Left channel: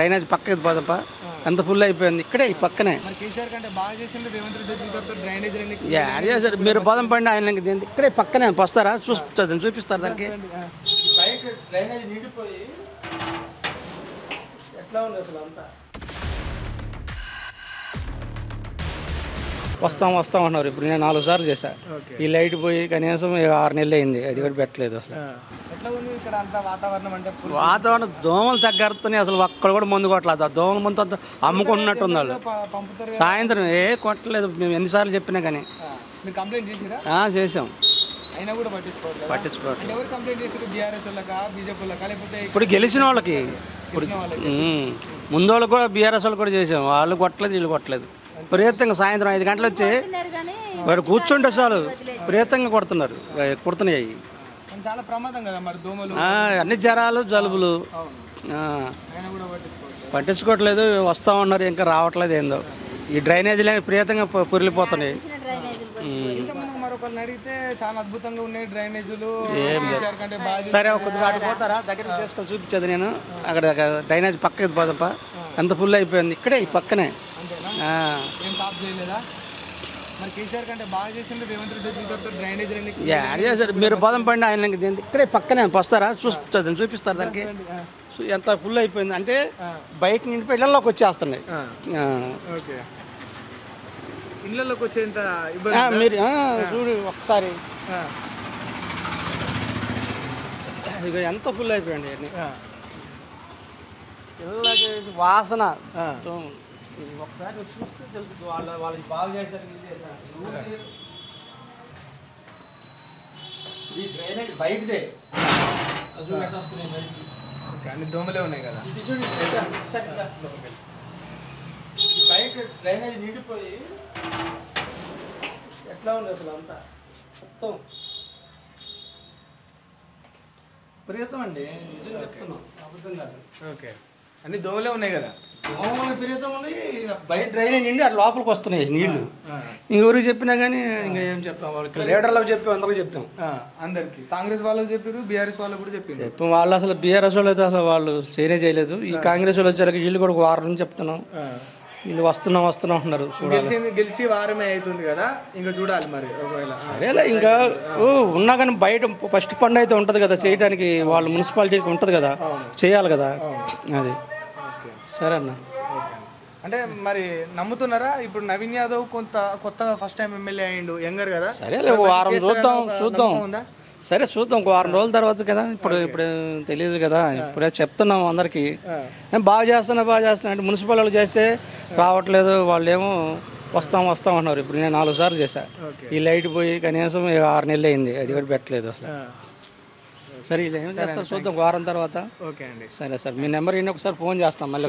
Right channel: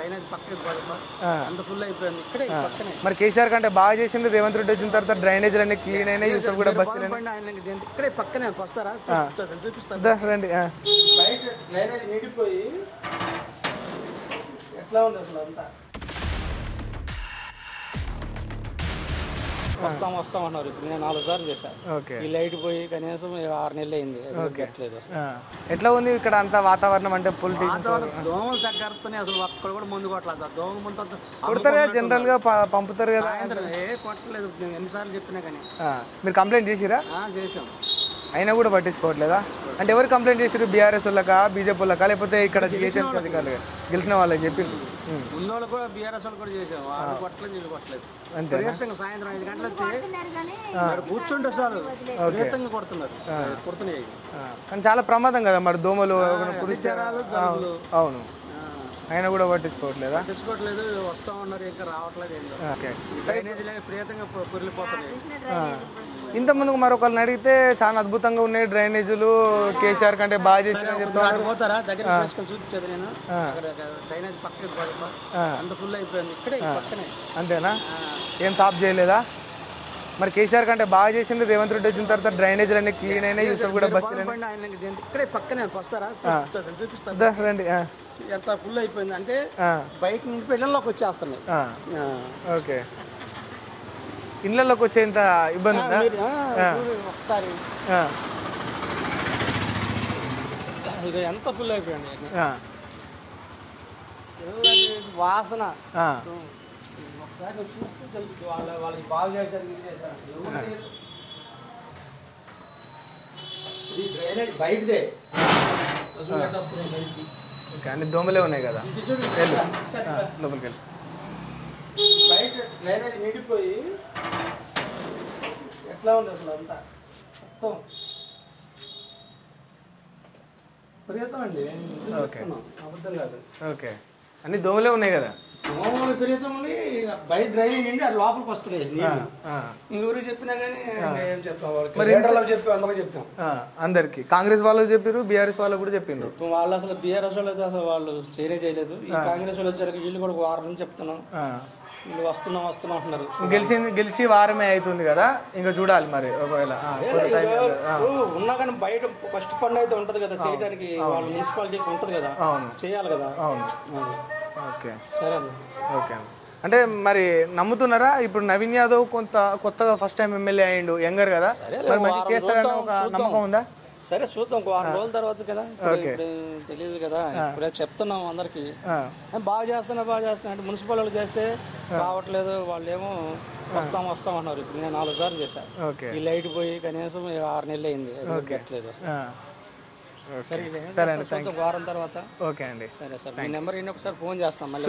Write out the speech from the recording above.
Drainage పక్కకి పోదప్ప ఎంత full అయిపోయింది ఇక్కడే ఈ పక్కనే. మరి కేసీఆర్ కంటే బాగా చేసింది రేవంత్ రెడ్డి వచ్చిన తర్వాత డ్రైనేజ్ మీరు పదం పండి ఆయన ఇక్కడే పక్కనే వస్తారా చూపిస్తారు. డ్రైనేజ్ నిండిపోయి ఎట్లా ఉంది అసలు అంతా. వస్తాం అన్నారు. ఇప్పుడు నేను 4 సార్లు చేశాను. ఈ లైట్ పోయి కనీసం 6 నెలలు అయింది, అది కూడా పెట్టలేదు. ఎట్లా ఉంది ఇక్కడ అంతా వాతావరణం? అంటే వాతావరణం దోమలు తగ్గరుతున్నాయి, అసలు ఒక్కడ కూడా మందు కొట్టలేదు. ఆ దోమల మందు అమ్ముకున్నట్టు పంపుతారు. సాయంత్రం కొట్టలేదు, మేము ఎన్నిసార్లు చెప్పినా కానీ. మీరు కంప్లైంట్ చేసిరా? చేసాం, అయినా కూడా పట్టించుకోవట్లేదు. అంటే ఎవరు కంప్లైంట్ చేసారు? బీఆర్ఎస్ వాళ్ళకా, బీజేపీ వాళ్ళకా, లేకపోతే ఇక్కడ గెలిచిన వాళ్ళకి ముందు వాళ్ళు కూడా బీఆర్ఎస్ వాళ్ళు కూడా చేసాం. వాళ్ళు కొట్టలేదు, వీళ్ళు కొట్టలేదు. విపరీతంగా సాయంత్రం 5 గంటలు వచ్చి వాడు కూర్చుంటే చాలు విపరీతంగా కుడుతున్నాయి. చాలా ప్రమాదం కదా మరి దోమలు, అన్ని జ్వరాలు, జలుబులు. అవును, అయినా కూడా పట్టించుకోవట్లేదు. వస్తా ఉన్నారు, ఇంకా రావట్లేదు. ఏందో ఈ డ్రైనేజీలు విపరీతంగా పొరిలిపోతున్నాయి. ఇంత ముందుకు మరొకరిని అడిగితే చాలా అద్భుతంగా ఉన్నాయి డ్రైనేజీలు, కేసీఆర్ కంటే బాగా. సరే పోతారా దగ్గర చూపించేది నేను. అక్కడ డ్రైనేజ్ పక్కకి పోదప్ప ఎంత ఫుల్ అయిపోయింది ఇక్కడే ఈ పక్కనే. అంతేనా? ఏం సాఫ్ చేయలేదా? మరి కేసీఆర్ కంటే బాగా చేసింది రేవంత్ రెడ్డి వచ్చిన తర్వాత డ్రైనేజీలు. మీరు పదం పండి ఆయన ఇక్కడే పక్కనే వస్తారా చూపిస్తారు. ఎంత ఫుల్ అయిపోయింది అంటే బయట నిండి ఇళ్లలోకి వచ్చేస్తున్నాయి. ఓకే, ఇళ్లలోకి వచ్చేంత ఇబ్బంది. మీరు ఒకసారి ఎంత ఫుల్ అయిపోయింది వాసన. ఒకసారి చూస్తే తెలుసు వాళ్ళకి బాగా చేశారు. ఇది డ్రైనేజ్ బయటదే, అన్ని దోమలే ఉన్నాయి కదా. బయట డ్రైనేజ్ నిండిపోయి ఎట్లా ఉంది అసలు అంతా మొత్తం విపరీతం అండి. అబద్ధం కాదు. ఓకే, అన్ని దోమలే ఉన్నాయి కదా. దోమలు విపరీతం ఉంది. బయట డ్రైనేజ్ నిండి లోపలికి వస్తున్నాయి నీళ్ళు. ఇంకెవరికి చెప్పినా కానీ ఇంకా ఏం చెప్తాం, వాళ్ళకి లీడర్లకు చెప్పి అందరూ చెప్తాం. అందరికి కాంగ్రెస్ వాళ్ళకి చెప్పారు, బీఆర్ఎస్ వాళ్ళకి కూడా చెప్పింది. వాళ్ళు అసలు బీఆర్ఎస్ వాళ్ళు అయితే అసలు వాళ్ళు చేయలేదు. ఈ కాంగ్రెస్ వాళ్ళు వచ్చారు, వీళ్ళు కూడా 1 వారం నుంచి చెప్తున్నాం. వీళ్ళు వస్తున్నాం అంటున్నారు. గెలిచి వారమే అవుతుంది కదా, ఇంకా చూడాలి మరి. ఒకవేళ సరేలే, ఇంకా ఉన్నా కానీ బయట ఫస్ట్ ఫండ్ అయితే ఉంటుంది కదా చేయడానికి, వాళ్ళు మున్సిపాలిటీకి ఉంటుంది కదా, చేయాలి కదా. అది ఓకే, సరే అన్న. ఓకే, అంటే మరి నమ్ముతున్నారా? ఇప్పుడు నవీన్ యాదవ్ కొత్తగా ఫస్ట్ టైం ఎమ్మెల్యే అయ్యిండు, యంగర్ కదా. ఉందా? సరే చూద్దాం, 1 వారం రోజుల తర్వాత కదా. ఇప్పుడు తెలియదు కదా, ఇప్పుడే చెప్తున్నాం అందరికి. నేను బాగా చేస్తున్నా అంటే మున్సిపల్ వాళ్ళు చేస్తే రావట్లేదు. వాళ్ళు ఏమో వస్తాం అన్నారు. ఇప్పుడు నేను 4 సార్లు చేశాను. ఈ లైట్ పోయి కనీసం 6 నెలలు అయింది, అది కూడా పెట్టలేదు. సరే చూద్దాం 1 వారం తర్వాత. ఓకే అండి, సరే సార్, మీ నెంబర్ ఒకసారి ఫోన్ చేస్తాం మళ్ళీ.